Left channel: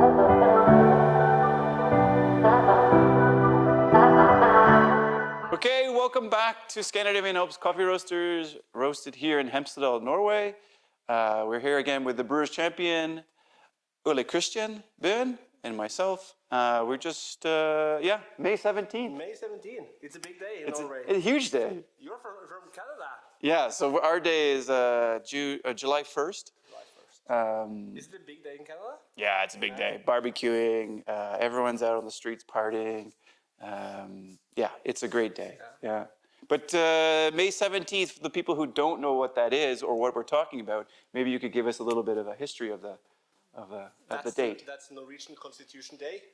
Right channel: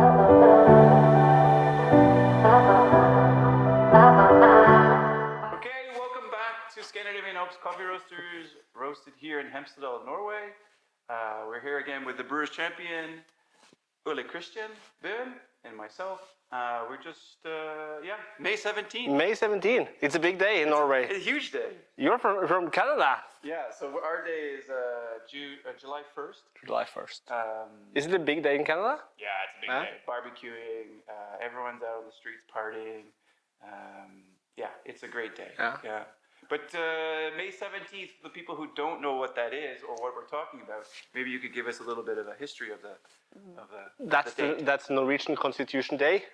Okay, welcome back to Scandinavian Alps Coffee Roasters, roasted here in Hemsedal, Norway. We're here again with the Brewers Champion, Ole Christian Bøen, and myself. We're just, May 17th. May 17th. It's a big day in Norway. It's a huge day. You're from Canada. Yeah, so our day is July 1st. July 1st. Is it a big day in Canada? Yeah, it's a big day. Barbecuing, everyone's out on the streets partying. It's a great day. Yeah. But May 17th, for the people who don't know what that is or what we're talking about, maybe you could give us a little bit of a history of the date. That's Norwegian Constitution Day.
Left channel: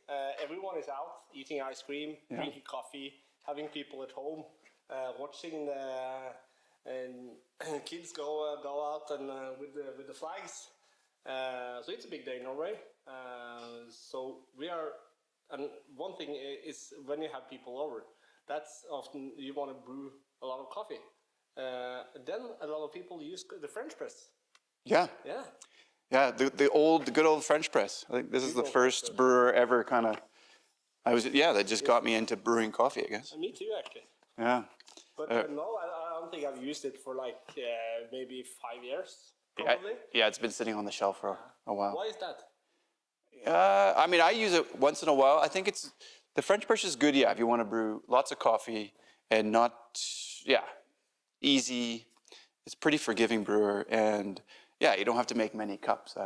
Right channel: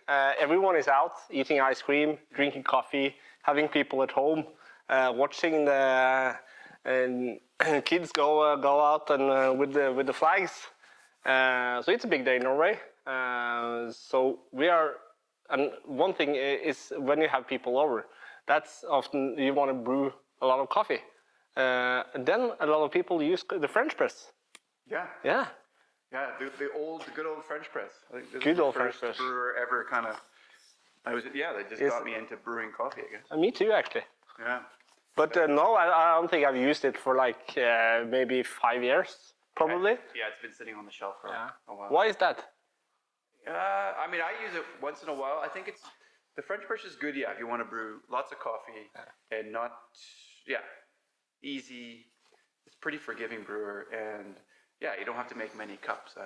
Everyone is out eating ice cream, drinking coffee, having people at home, watching the kids go out and with the flags. So it's a big day in Norway. So we are. And one thing is when you have people over, that's often you want to brew a lot of coffee. And then a lot of people use the French press. Yeah. Yeah. Yeah, the good old French press. I think this is the first brewer ever kind of. That just got me into brewing coffee, I guess. Me too, actually. Yeah. But no, I don't think I've used it for like maybe 5 years, probably. Yeah, it's been sitting on the shelf for a while. Why is that? I use it once in a while. I think the French press is good, if you want to brew lots of coffee and not, easy. It's pretty forgiving brewer, and you don't have to make many cups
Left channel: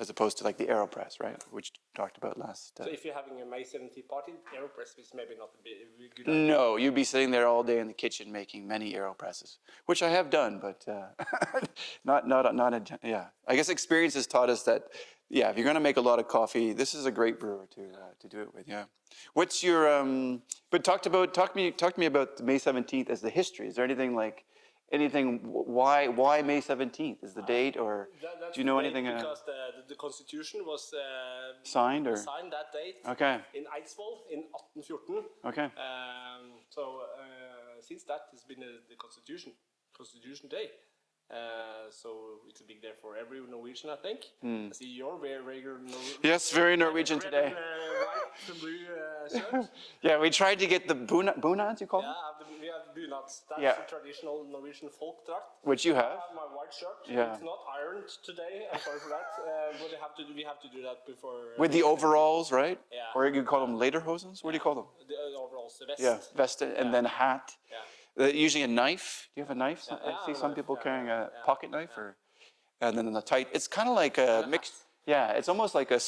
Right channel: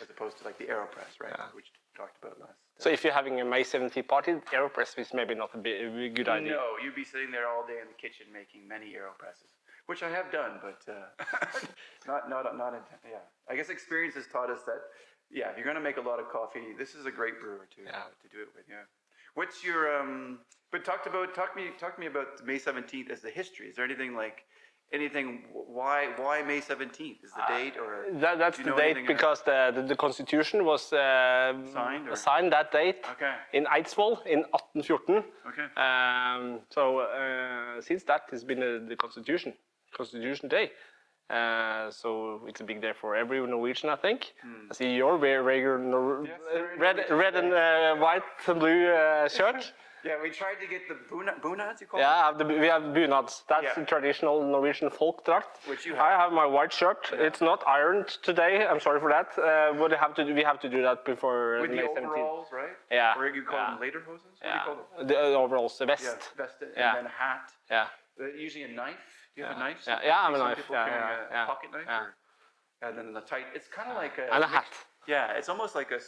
as opposed to like the AeroPress, right? Yeah. Which we talked about last. So if you're having a May 17th party, AeroPress is maybe not a good idea. No, you'd be sitting there all day in the kitchen making many AeroPresses, which I have done, but I guess experience has taught us that. Yeah, if you're going to make a lot of coffee, this is a great brewer to do it with. Yeah. What's your But talk to me about May 17th as the history. Is there anything why May 17th is the date, or that's the date because the Constitution was signed that date in Eidsvoll in 1814. Okay. So since that has been the Constitution Day. So it's a big day for every Norwegian, I think. I see you're very yes, very Norwegian. Red and white and blue shirt. Yeah, we tried to get the bunads, you call them? Yeah, we have bunads. That's the traditional Norwegian folk drakt. Which you have. I have my white shirt. Yeah. It's not ironed today. I'm sorry for that. But we have to do that before. With the overalls, right? Yeah. Or you call them lederhosens? What do you call them? The overalls, the vest. Yeah, vest and then a hat. Yeah. Usually a knife. Do you have a knife? I have a knife. Some people carrying a pocket knife. And then the tight. It's kind of like a mixed. Yeah, it's almost like a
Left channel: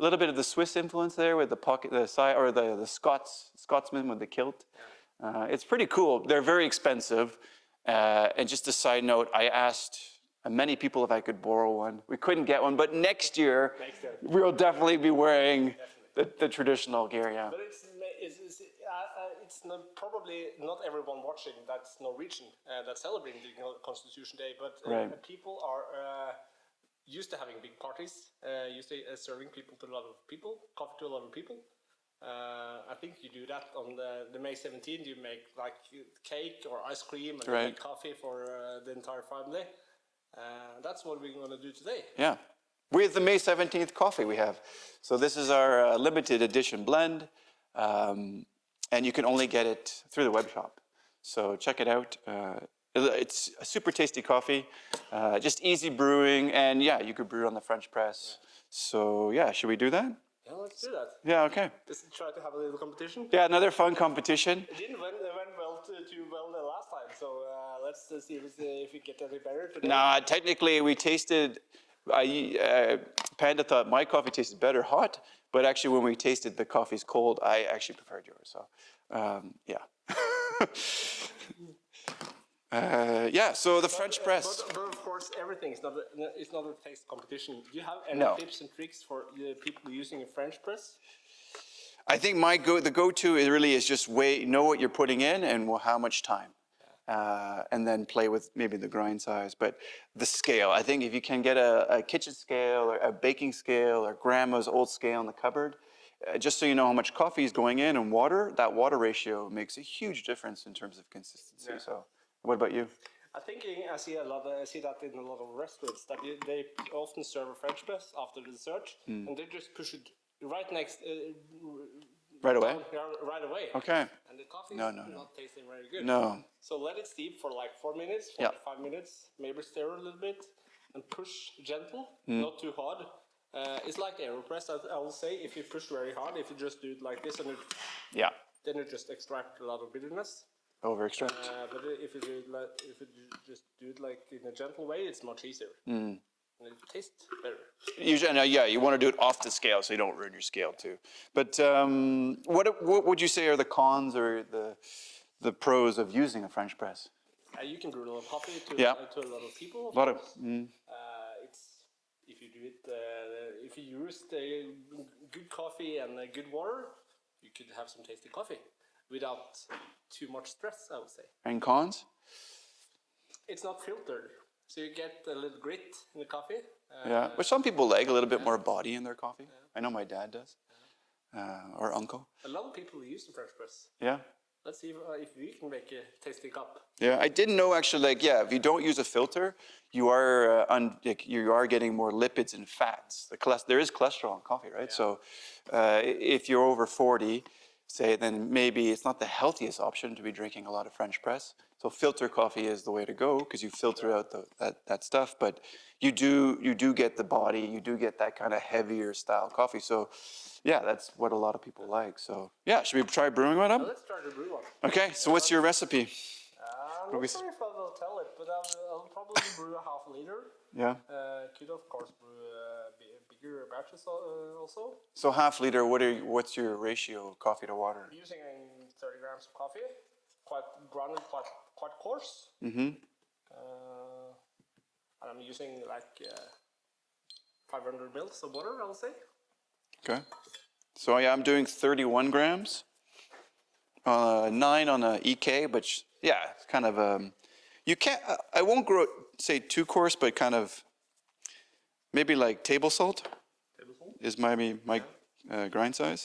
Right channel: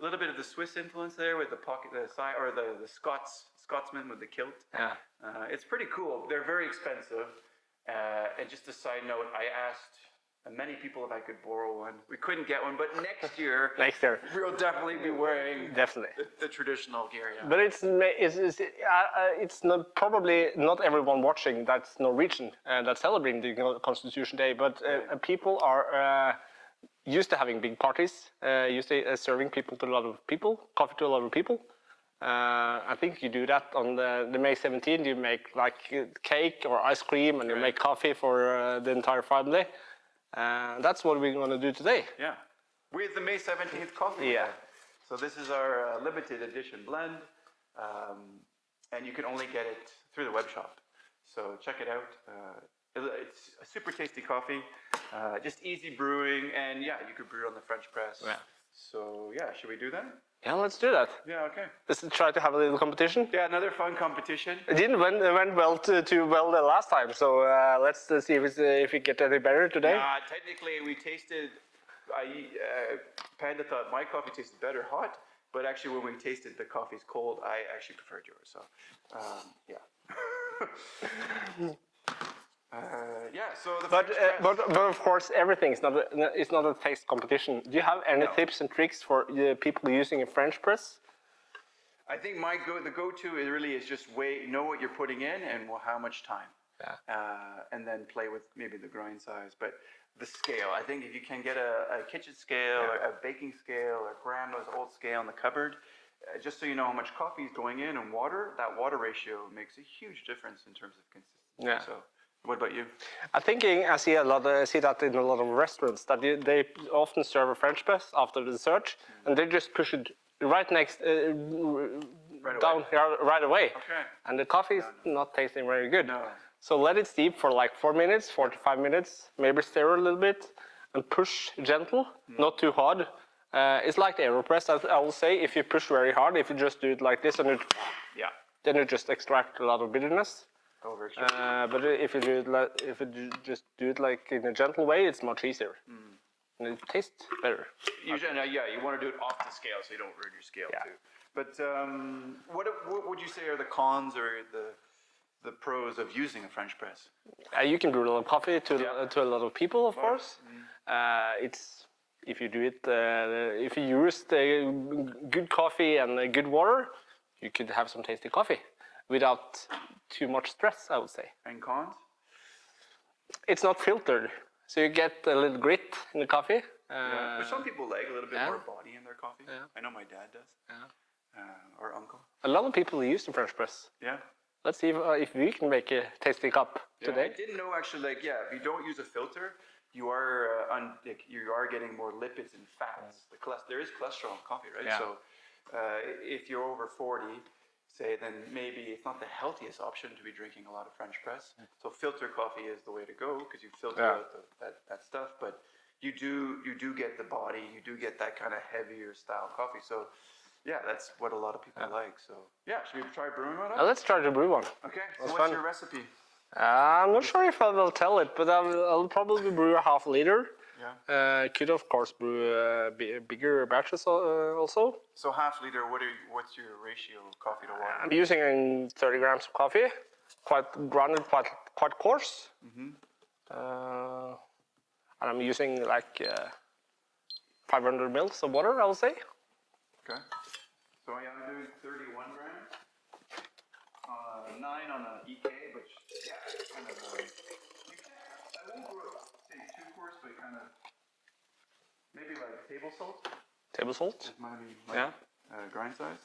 little bit of the Swiss influence there with the side, or the Scotsman with the kilt. Yeah. It's pretty cool. They're very expensive. And just a side note, I asked many people if I could borrow one. We couldn't get one, but next year we'll definitely be wearing the traditional gear. Yeah. But it's not, probably not everyone watching that's Norwegian that's celebrating the Constitution Day, but people are used to having big parties, used to serving coffee to a lot of people. I think you do that on the May 17th. You make like cake or ice cream, and you make coffee for the entire family. That's what we're going to do today. Yeah, with the May 17th coffee we have. So this is our limited edition blend, and you can only get it through the web shop. So check it out. It's a super tasty coffee, just easy brewing, and you could brew on the French press. Yeah. So should we do that? Yeah, let's do that. Yeah, okay. Let's try to have a little competition. Yeah, another fun competition. It didn't went well too well the last time, so let's see if we get any better today. Nah, technically we tasted. Panda thought my coffee tasted better hot, but actually when we tasted the coffee's cold, I actually preferred yours. So, so the French press. But of course, everything is not a taste competition. Do you have any tips and tricks for people using a French press? I think the go-to is just know what you're putting in and how much time. Yeah. And then play with maybe the grind size, but the scale. I think if you can get a kitchen scale, or a baking scale, or grandma's old scale in the cupboard, just so you know how much coffee is going in and water, that water ratio makes a huge difference in terms of consistency. Yeah. So What about you? I think I see that in a lot of restaurants that they often serve a French press after the dessert, and they just push it right next, Right away? down right away. Okay. And the coffee is No. not tasting very good. No. So let it steep for like 4 minutes, 4 Yeah. to 5 minutes, maybe stir a little bit, and push gentle, not too hard. It's like the AeroPress, I will say. If you push very hard, if you just do it like this, and Yeah. then you just extract a lot of bitterness. Over extract. But if you just do it like in a gentle way, it's much easier, and it tastes better. Usually, you want to do it off the scale so you don't ruin your scale too. But what would you say are the cons or the pros of using a French press? You can brew a lot of coffee to a lot of people, of course. It's if you do it, if you use the good coffee and good water, you could have some tasty coffee without too much stress, I would say. And cons? It's not filtered, so you get a little grit in the coffee. Yeah. Which some people like a little bit more body in their coffee. I know my dad does. Or uncle. A lot of people use the French press. Yeah. Let's see if we can make a tasty cup. Yeah, I didn't know actually. If you don't use a filter, you are getting more lipids and fats. There is cholesterol in coffee, right? Yeah. So, if you're over 40, say, then maybe it's not the healthiest option to be drinking a lot of French press. So, filter coffee is the way to go because you filter out that stuff. But you do get the body, you do get that kind of heavier style coffee. So, yeah, that's what a lot of people like. So, yeah, should we try brewing one up? Let's try to brew one. Okay, so what's your recipe? I'm not sure if I will tell it, but I'll probably brew a half liter. Yeah. Could of course brew bigger batches also. So half liter, what's your ratio of coffee to water? I'm using 30 grams of coffee, quite grounded, quite coarse. And I'm using like 500 mils of water, I would say. Okay. So yeah, I'm doing 31 grams. 9 on a EK, but kind of you can't. I won't say too coarse, but kind of maybe like table salt. Table salt is my grind size.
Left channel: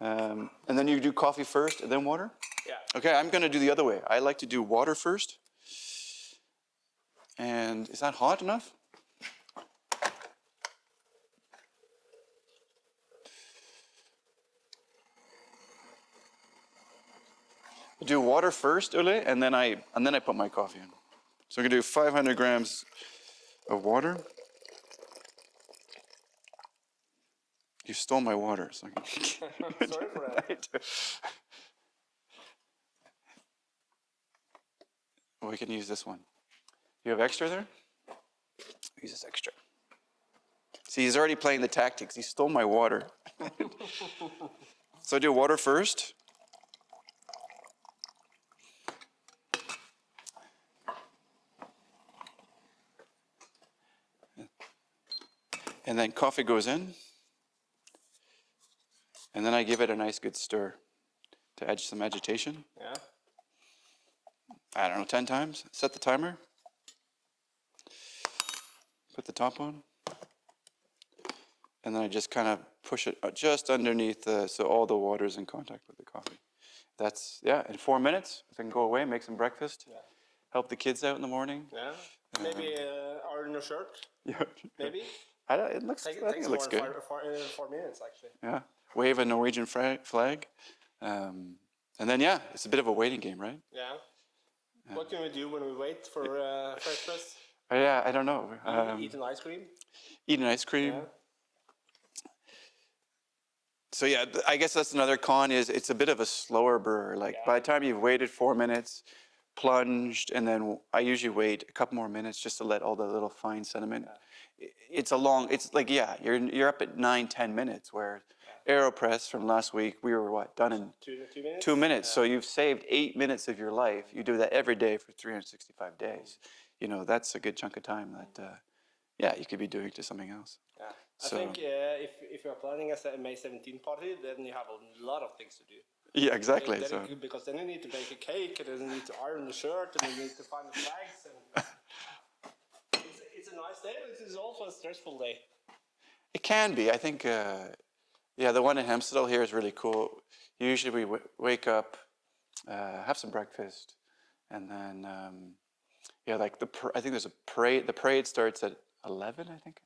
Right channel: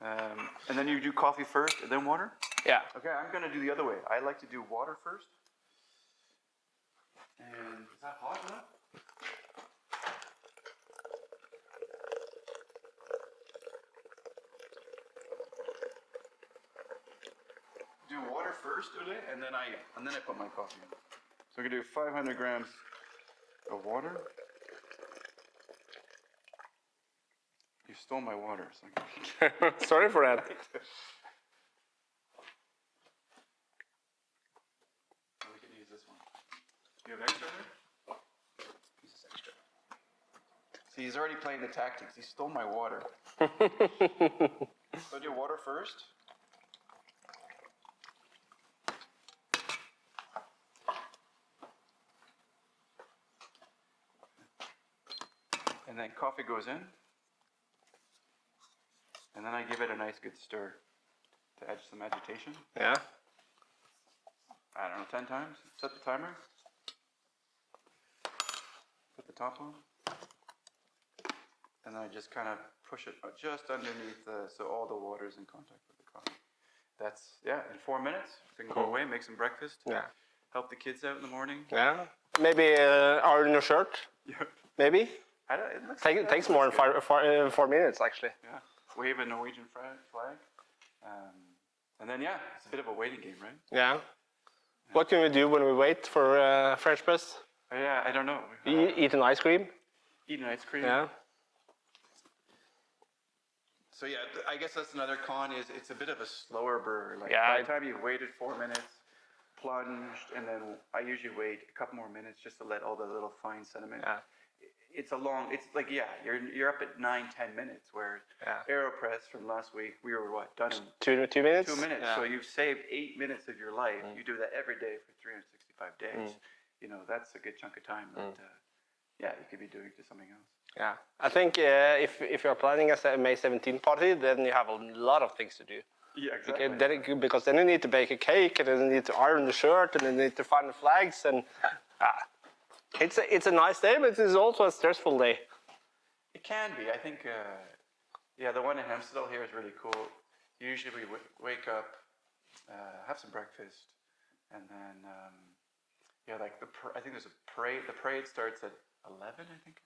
And then you do coffee first, and then water. Yeah. Okay, I'm gonna do the other way. I like to do water first. And is that hot enough? Do water first, Ole, and then I put my coffee in. So I'm gonna do 500 grams of water. You stole my water. So sorry for that. We can use this one. You have extra there? Use this extra. See, he's already playing the tactics. He stole my water. So I do water first. And then coffee goes in. And then I give it a nice good stir to add some agitation. Yeah. I don't know, 10 times. Set the timer. Put the top on. And then I just kind of push it just underneath so all the water is in contact with the coffee. That's, in 4 minutes, we can go away, make some breakfast. Yeah. Help the kids out in the morning. Yeah. Maybe iron your shirt. Yeah. Maybe. It looks, Takes more than 4 minutes, actually. Yeah. Wave a Norwegian flag. And then, it's a bit of a waiting game, right? Yeah. What can we do when we wait for French press? Yeah, I don't know. Eat an ice cream. Eat an ice cream. Yeah. So I guess that's another con is it's a bit of a slower brewer. Like by the time you've waited 4 minutes, plunged, and then I usually wait a couple more minutes just to let all the little fine sediment. Yeah. It's like you're up at 9-10 minutes. Where AeroPress from last week we were done in 2 minutes. 2 minutes. Yeah. So you've saved 8 minutes of your life. You do that every day for 365 days. That's a good chunk of time that you could be doing to something else. Yeah, I think if you're planning a May 17th party, then you have a lot of things to do. Yeah, exactly. Because then you need to bake a cake, and then you need to iron the shirt, and then you need to find the flags, and it's a nice day, but it's also a stressful day. It can be. I think, the one in Hemsedal here is really cool. Usually we wake up, have some breakfast, and then like I think there's a parade. The parade starts at 11, I think.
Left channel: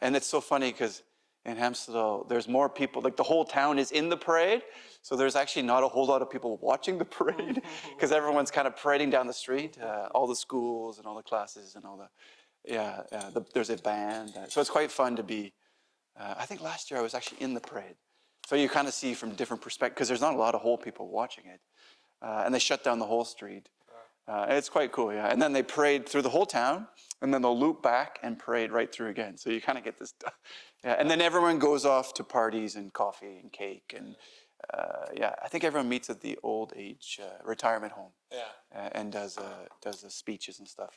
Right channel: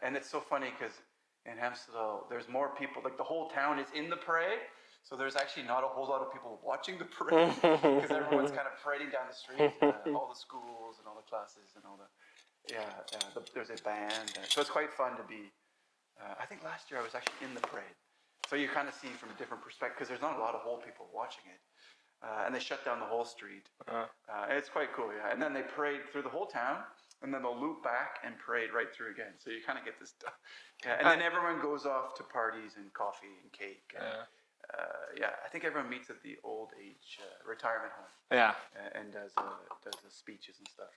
And it's so funny because in Hemsedal, there's more people. Like the whole town is in the parade, so there's actually not a whole lot of people watching the parade because everyone's kind of parading down the street. All the schools and all the classes and all the there's a band. So it's quite fun to be. I think last year I was actually in the parade, so you kind of see from different perspectives because there's not a lot of whole people watching it. And they shut down the whole street. It's quite cool, yeah. And then they parade through the whole town, and then they'll loop back and parade right through again. So you kind of get this. And then everyone goes off to parties and coffee and cake. And I think everyone meets at the old age retirement home. Yeah. And does the speeches and stuff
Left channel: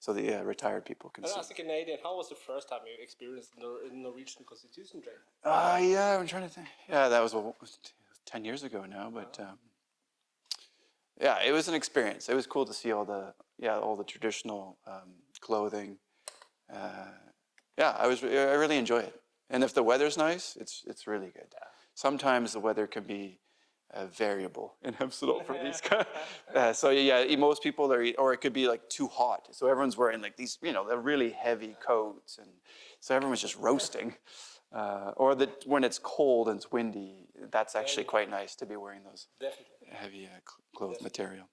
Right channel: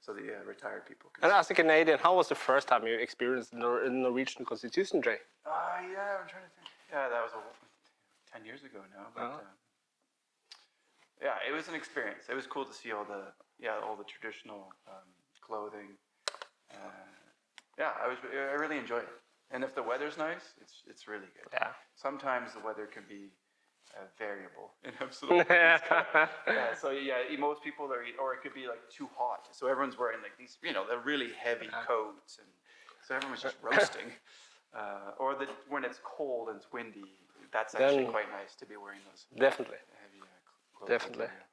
for the retired people. And as a Canadian, how was the first time you experienced the Norwegian Constitution Day? I'm trying to think. Yeah, that was 10 years ago now, but. Yeah, it was an experience. It was cool to see all the traditional clothing. I really enjoy it. And if the weather's nice, it's really good. Yeah. Sometimes the weather can be variable in Hemsedal. So most people or it could be like too hot. So everyone's wearing like these, they're really heavy coats, and so everyone's just roasting. Or when it's cold and it's windy, that's actually quite nice to be wearing those. Definitely. Heavy clothing material.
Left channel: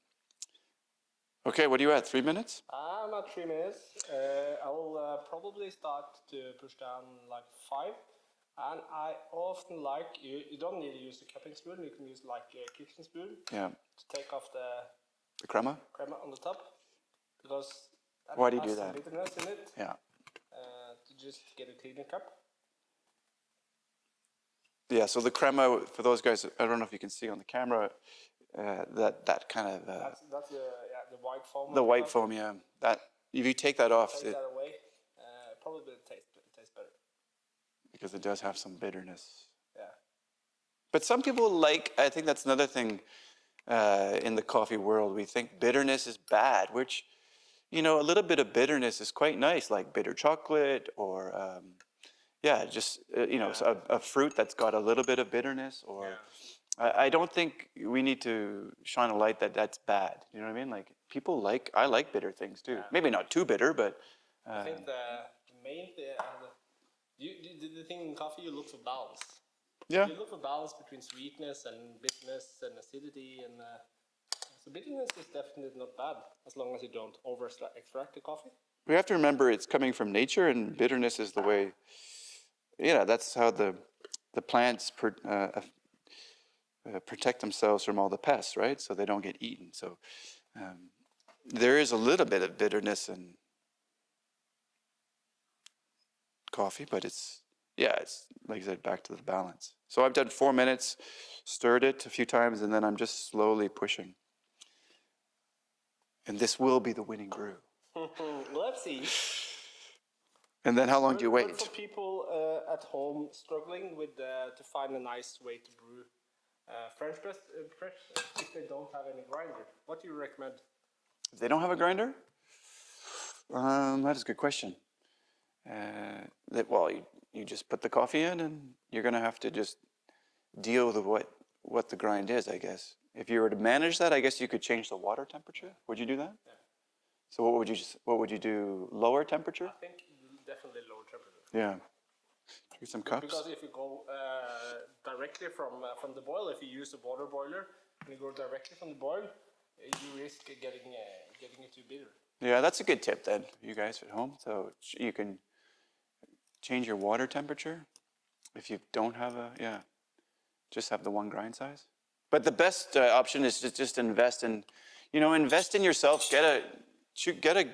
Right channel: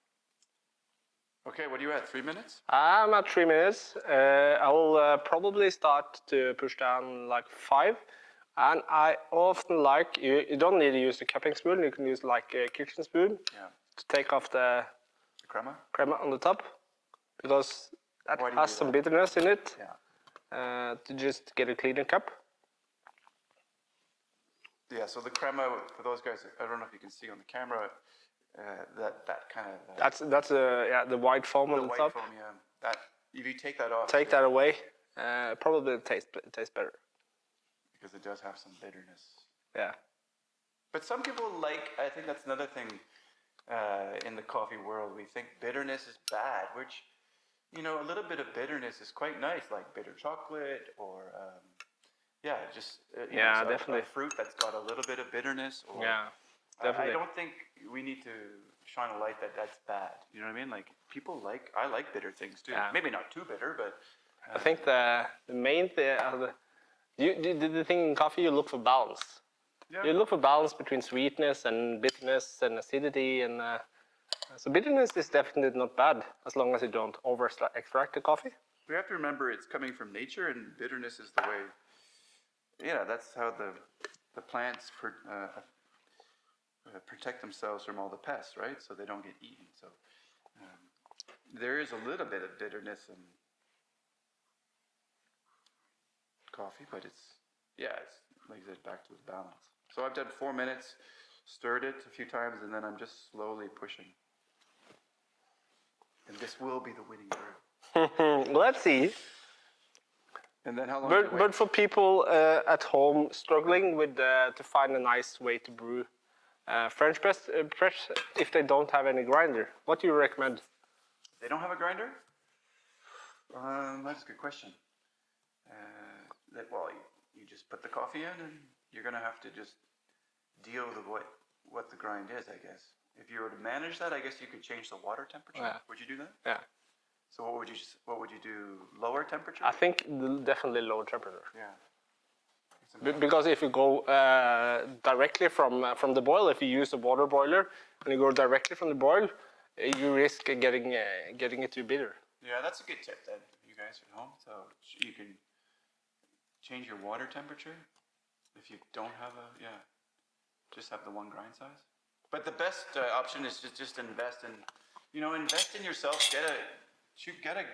Okay, what are you at? 3 minutes? I'm at 3 minutes. I will probably start to push down like 5. And I often like, you don't need to use the cupping spoon, you can use like a kitchen spoon to take off the crema on the top, because that has some bitterness in it. To just get a cleaner cup. Yeah, so the crema, for those guys, I don't know if you can see on the camera, that kind of... that's the white foam on the white top. Foam, yeah. That, if you take that off... Take that away, probably it tastes better. Because it does have some bitterness. Yeah. But some people I think that's another thing in the coffee world, we think bitterness is bad, which, a little bit of bitterness is quite nice, like bitter chocolate or... just a fruit that's got a little bit of bitterness. Or, I don't think we need to shine a light that's bad. You know what I mean? Like I like bitter things too. Yeah. Maybe not too bitter, but I think the main thing, the thing in coffee, you look for balance. Yeah. You look for balance between sweetness and bitterness and acidity, and so bitterness is definitely not bad as long as you don't over extract the coffee. We have to remember it's coming from nature, and bitterness is the way. That's how the plants protect themselves from all the pests, right? So they don't get eaten. So there is a little bit of bitterness in coffee, but it's like I said, back to the balance. So I've done 4 minutes, stirred it a few times, and then I'm just slowly pushing. And this will be the winning brew. Let's see. And then how long do you wait? But for people at home struggling with to find a nice way to brew French press, if they don't have any grinder, what do you recommend? If they don't have a grinder? That is a good question. You just put the coffee in, and you're going to have to just deal with what the grind is, I guess. If you were to manage that, I guess you could change the water temperature. Yeah. Would you do that? Yeah. So what would you do? Lower temperature? I think definitely lower temperature. Yeah. Because if you go directly from the boil, if you use a water boiler and you go directly from the boil, you risk getting it too bitter. Yeah, that's a good tip then, you guys at home. So you can change your water temperature if you don't have just have the one grind size. But the best option is to just invest in yourself. Get a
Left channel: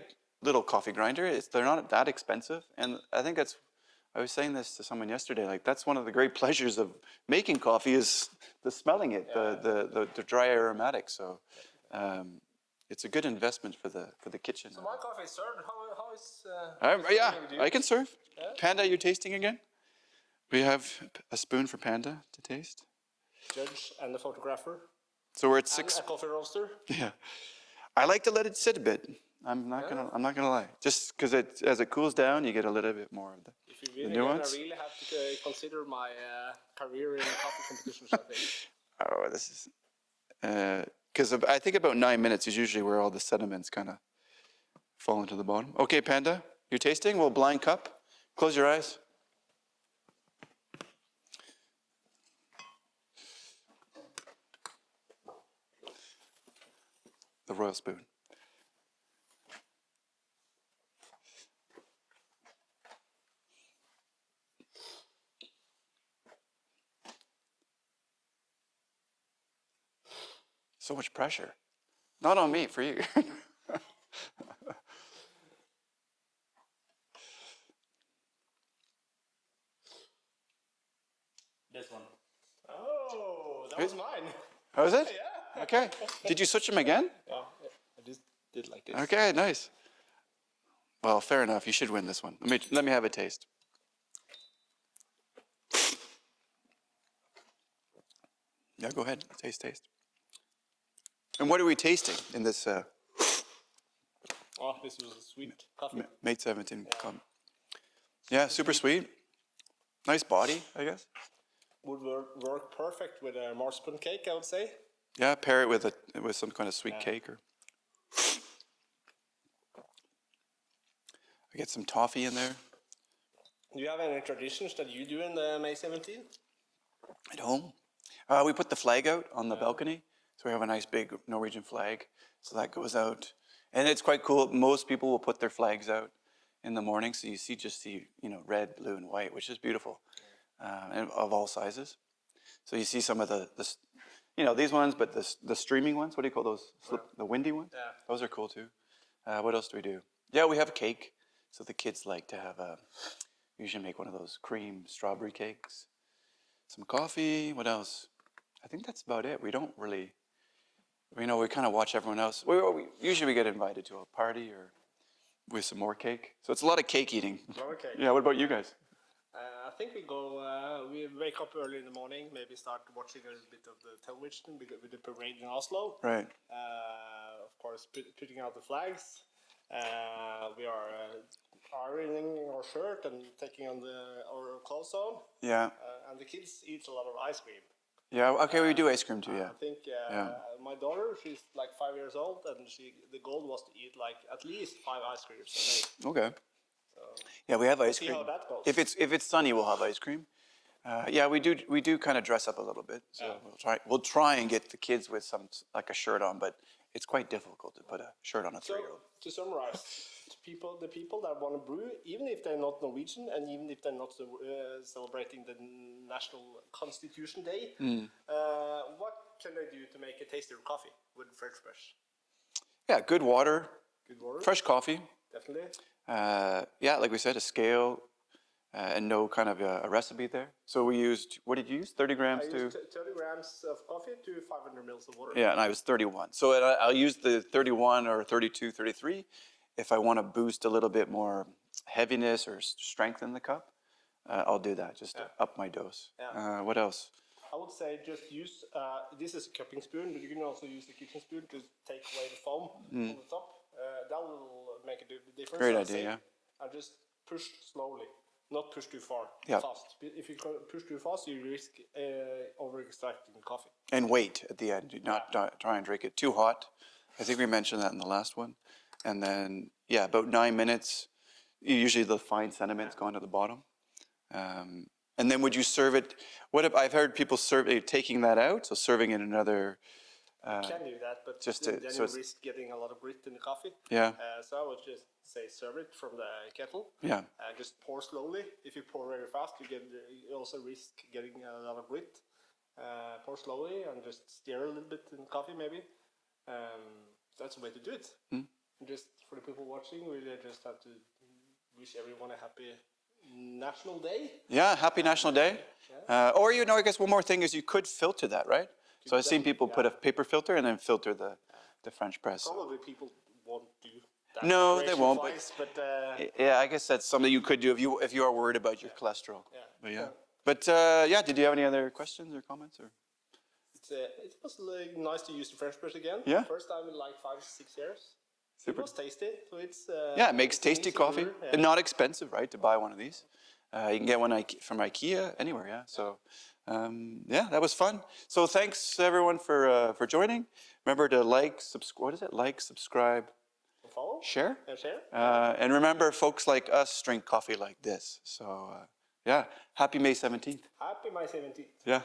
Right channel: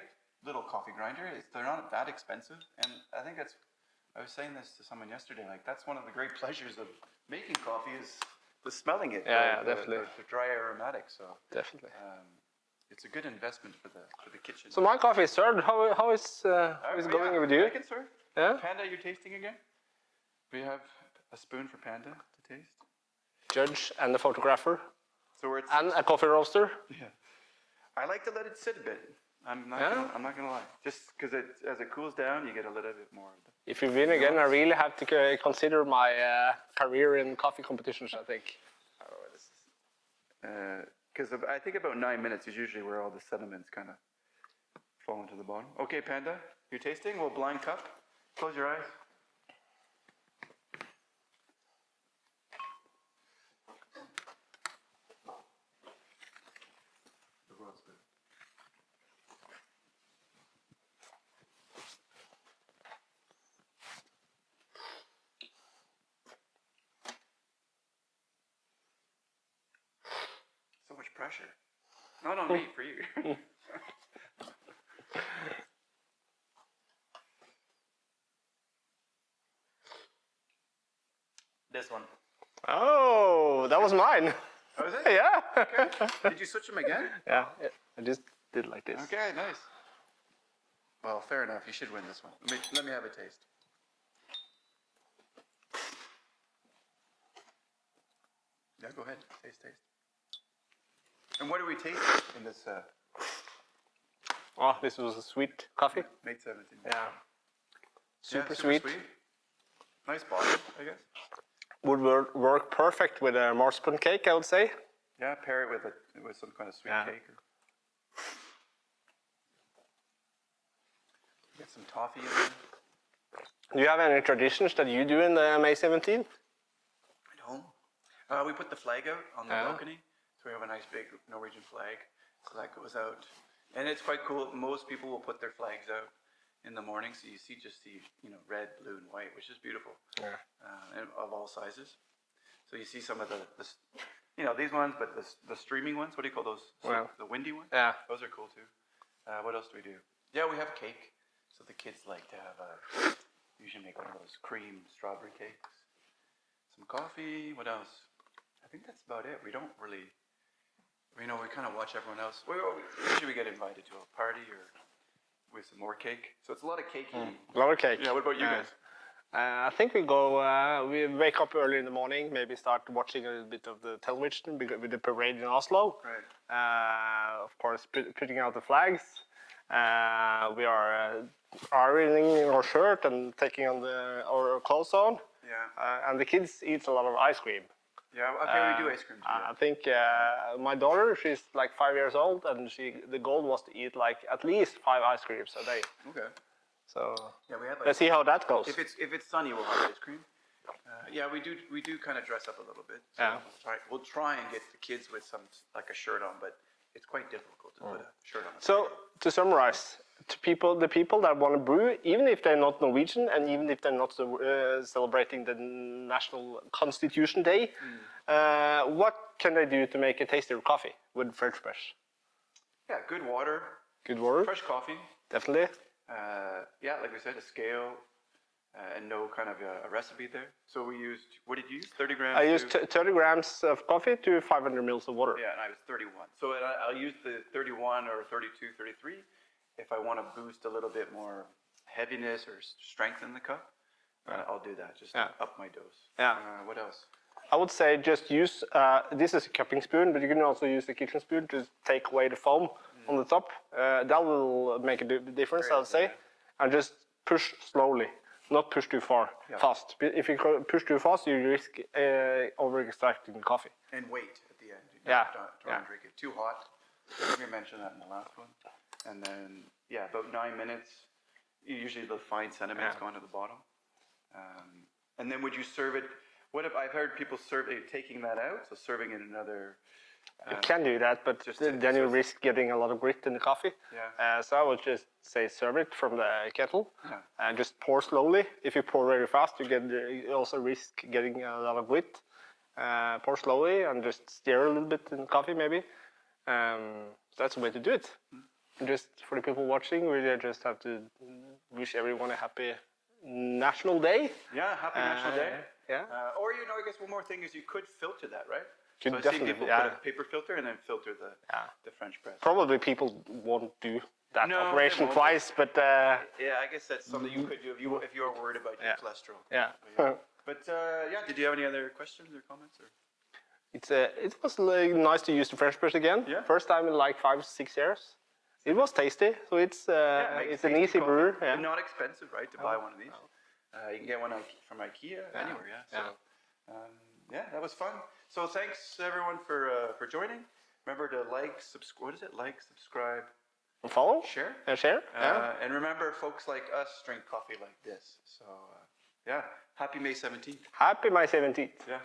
little coffee grinder. They're not that expensive, and I think I was saying this to someone yesterday. Like that's one of the great pleasures of making coffee is the smelling it, the dry aromatics. So definitely, it's a good investment for the kitchen. So my coffee is served. How is going with you? I can serve. Yeah? Panda, you tasting again? We have a spoon for Panda to taste. Judge and the photographer. So we're at 6. And a coffee roaster. Yeah, I like to let it sit a bit. I'm not gonna lie. Just because as it cools down, you get a little bit more of the. If you win again, I really have to consider my career in coffee competitions. I think. Oh, this is. Because I think about 9 minutes is usually where all the sediments kind of fall into the bottom. Okay, Panda, you're tasting? Well, blind cup. Close your eyes. The royal spoon. So much pressure. Not on me, for you. This one. Oh, that was mine. Oh, is it? Yeah. Okay. Did you switch them again? Yeah, I just did like this. Okay, nice. Well, fair enough. You should win this one. Let me have a taste. Yeah, go ahead. Taste. And what are we tasting in this Oh, this was a sweet coffee. Mate 17? Yeah. Yeah, super sweet. Nice body, I guess. Would work perfect with a marzipan cake, I would say. Yeah, pair it with some kind of sweet cake or. We get some toffee in there. Do you have any traditions that you do in the May 17th? At home? We put the flag out on the balcony. So we have a nice big Norwegian flag. So that goes out. And it's quite cool. Most people will put their flags out in the morning. So you see, red, blue, and white, which is beautiful. And of all sizes. So you see some of these ones, but the streaming ones, what do you call those? The windy ones? Yeah. Those are cool too. What else do we do? Yeah, we have a cake. So the kids like to have usually make one of those cream strawberry cakes. Some coffee. What else? I think that's about it. We don't really, we kind of watch everyone else. Usually we get invited to a party or with some more cake. So it's a lot of cake eating. A lot of cake. Yeah, what about you guys? I think we wake up early in the morning, maybe start watching a little bit of the television with the parade in Oslo. Right. Of course, putting out the flags. We are ironing our shirt and taking on our clothes on. Yeah. And the kids eat a lot of ice cream. Yeah, okay, we do ice cream too, yeah. I think my daughter, she's like 5 years old, and the goal was to eat like at least 5 ice creams a day. Okay. So yeah, we have ice cream. Let's see how that goes. If it's sunny, we'll have ice cream. Yeah, we do kind of dress up a little bit. So we'll try and get the kids with like a shirt on, but it's quite difficult to put a shirt on. So to summarize, the people that want to brew, even if they're not Norwegian and even if they're not celebrating the National Constitution Day, what can they do to make a tastier coffee with French press? Yeah, good water. Good water. Fresh coffee. Definitely. Yeah, like we said, a scale and no kind of a recipe there. So we used, what did you use? 30 grams? I used 30 grams of coffee to 500 mils of water. Yeah, and I was 31. So I'll use the 31 or 32, 33 if I want to boost a little bit more heaviness or strength in the cup. I'll do that, just up my dose. Yeah. What else? I would say just use, this is a cupping spoon, but you can also use the kitchen spoon to take away the foam on the top. That will make a difference, I'll say. And just push slowly, not push too fast. If you push too fast, you risk over-extracting the coffee. And wait at the end. Not try and drink it too hot. I think we mentioned that in the last one. And then, about 9 minutes. Usually the fine sediments go onto the bottom. And then would you serve it? I've heard people taking that out, so serving in another. You can do that, but then you risk getting a lot of grit in the coffee. Yeah. So I would just say serve it from the kettle. Yeah. And just pour slowly. If you pour very fast, you also risk getting a lot of grit. Pour slowly and just stir a little bit in the coffee, maybe. That's the way to do it. Just for the people watching, we just have to wish everyone a happy National Day. Yeah, happy National Day. Yeah. Or I guess one more thing is you could filter that, right? So I've seen people put a paper filter and then filter the French press. Probably people won't do that operation twice, but I guess that's something you could do if you are worried about your cholesterol. Yeah. But did you have any other questions or comments? Or? It was nice to use the French press again. Yeah. First time in like 5-6 years. It was tasty, so it's it makes tasty coffee. Brew, not expensive, right? To buy one of these, you can get one from IKEA anywhere. Yeah. So that was fun. So thanks everyone for joining. Remember to like, subscribe. What is it? Like, subscribe, Follow? share. Share? And remember, folks like us drink coffee like this. So, yeah, happy May 17th. Happy May 17th. Yeah.